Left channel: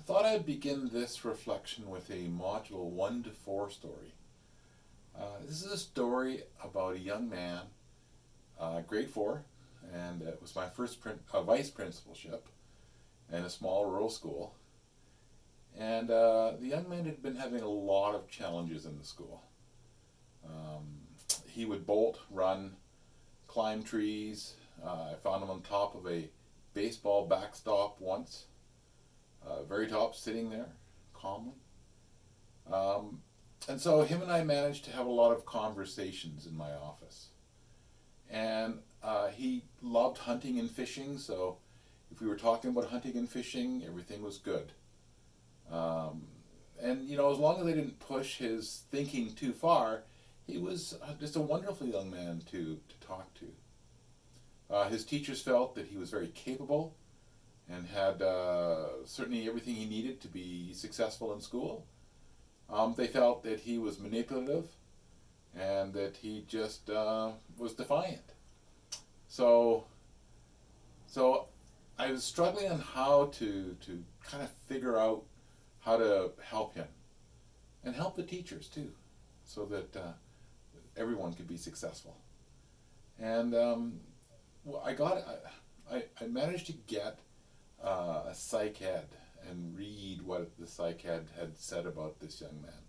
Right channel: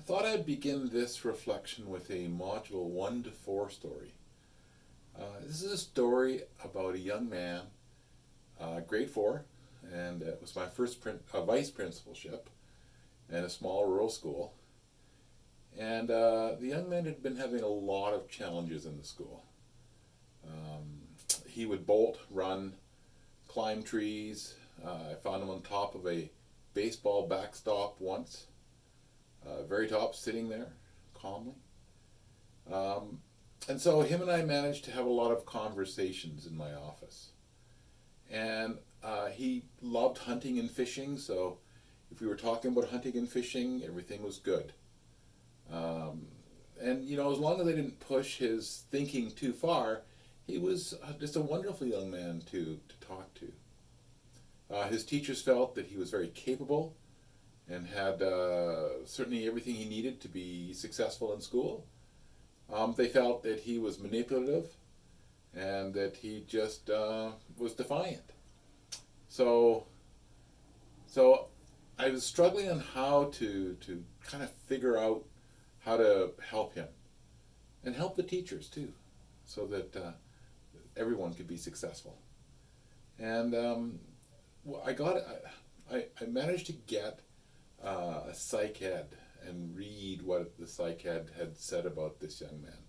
I thought I'd begin this reflection with a module 1 to 4 story. This is a story about a young man, grade 4, and it was my first vice principalship in a small rural school. And the young man had been having a lot of challenges in the school. He would bolt, run, climb trees. I found him on top of a baseball backstop once, very top, sitting there calmly. And so him and I managed to have a lot of conversations in my office. And he loved hunting and fishing, so if we were talking about hunting and fishing, everything was good. And as long as I didn't push his thinking too far, he was just a wonderful young man to talk to. His teachers felt that he was very capable and had certainly everything he needed to be successful in school. They felt that he was manipulative and that he just was defiant. So I was struggling on how to kind of figure out how to help him and help the teachers too, so that everyone could be successful. And I managed to get a psych ed and read what the psych ed had said about this young man.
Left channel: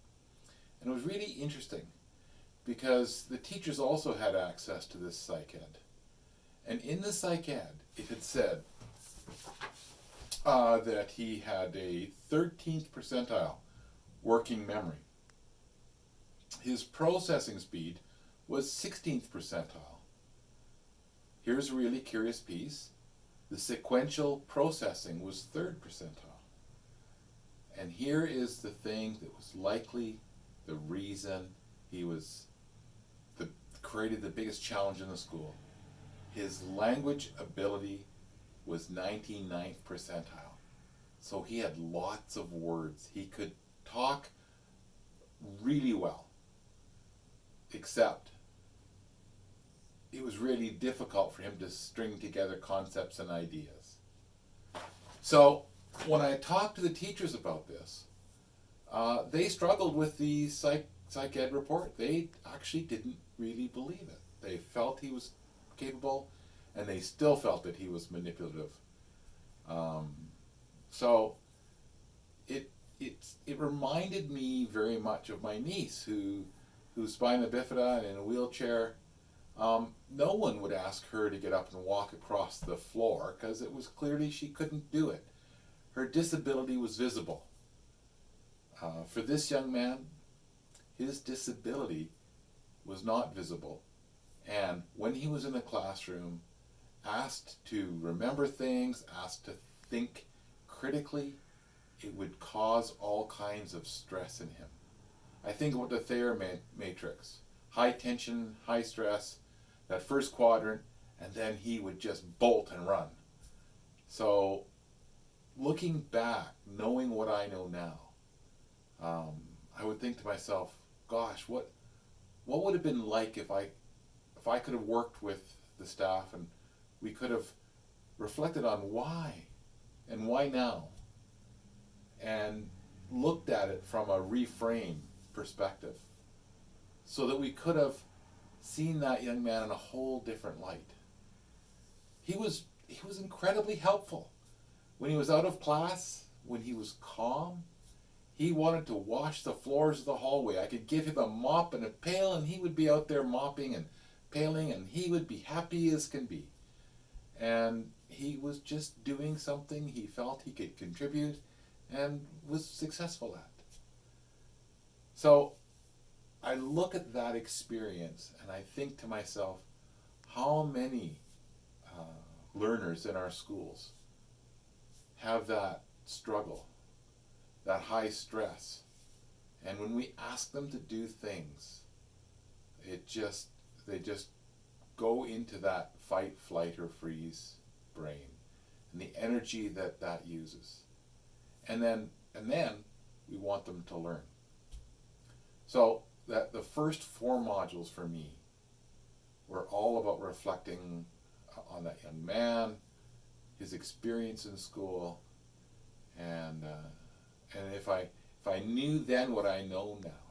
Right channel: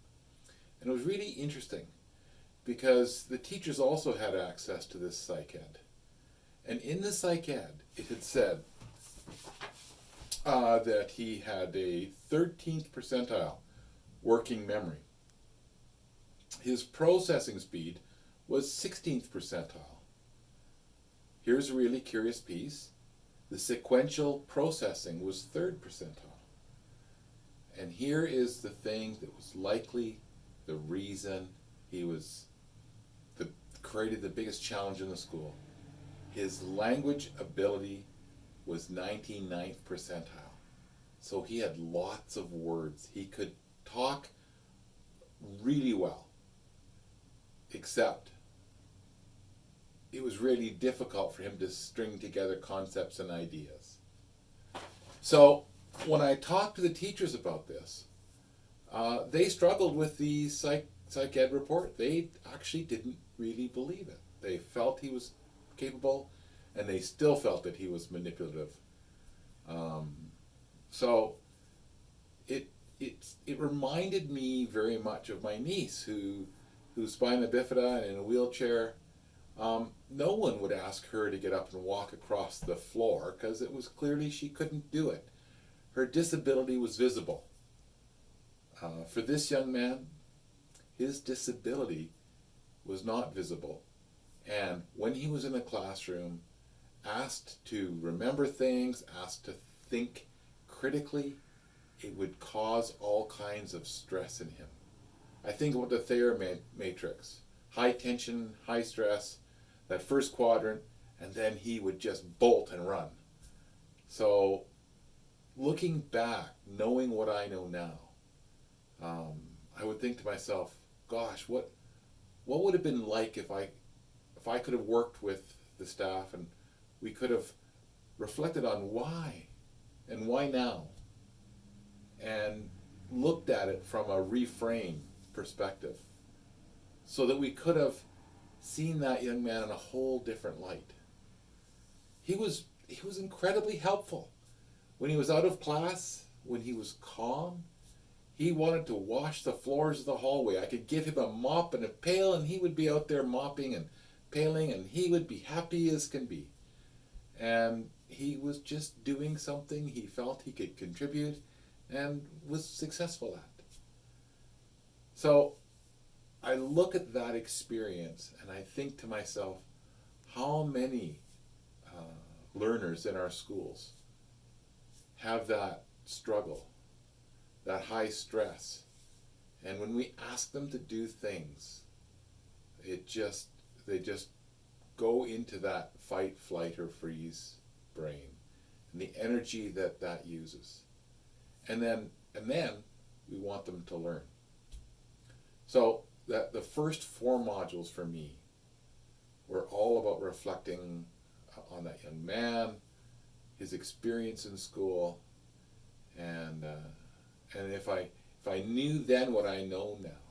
And it was really interesting because the teachers also had access to this psych ed. And in the psych ed, it had said that he had a 13th percentile working memory. His processing speed was 16th percentile. Here's a really curious piece. The sequential processing was 3rd percentile. And here is the thing that was likely the reason he created the biggest challenge in the school. His language ability was 99th percentile. So he had lots of words. He could talk really well, except it was really difficult for him to string together concepts and ideas. So when I talked to the teachers about this, they struggled with the psych ed report. They actually didn't really believe it. They felt he was capable, and they still felt that he was manipulative. So it reminded me very much of my niece, who's spina bifida and in a wheelchair. No one would ask her to get up and walk across the floor because it was clearly she couldn't do it. Her disability was visible. For this young man, his disability was not visible. And when he was in a classroom, asked to remember things, asked to think critically, it would cause all kinds of stress in him. I think about the Thayer matrix. High tension, high stress, that first quadrant, and then he would just bolt and run. So looking back, knowing what I know now, I would think to myself, gosh, what would it have been like if I could have worked with the staff and we could have reflected on why and why now, and looked at it from a reframe perspective, so that we could have seen that young man in a whole different light. He was incredibly helpful. When he was out of class, when he was calm, he wanted to wash the floors of the hallway. I could give him a mop and a pail, and he would be out there mopping and paling, and he would be happy as can be. And he was just doing something he felt he could contribute and was successful at. So I look at that experience and I think to myself, how many learners in our schools have that struggle, that high stress, and when we ask them to do things, they just go into that fight, flight, or freeze brain, and the energy that uses, and then we want them to learn. So that the first 4 modules for me were all about reflecting on that young man, his experience in school, and if I knew then what I know now,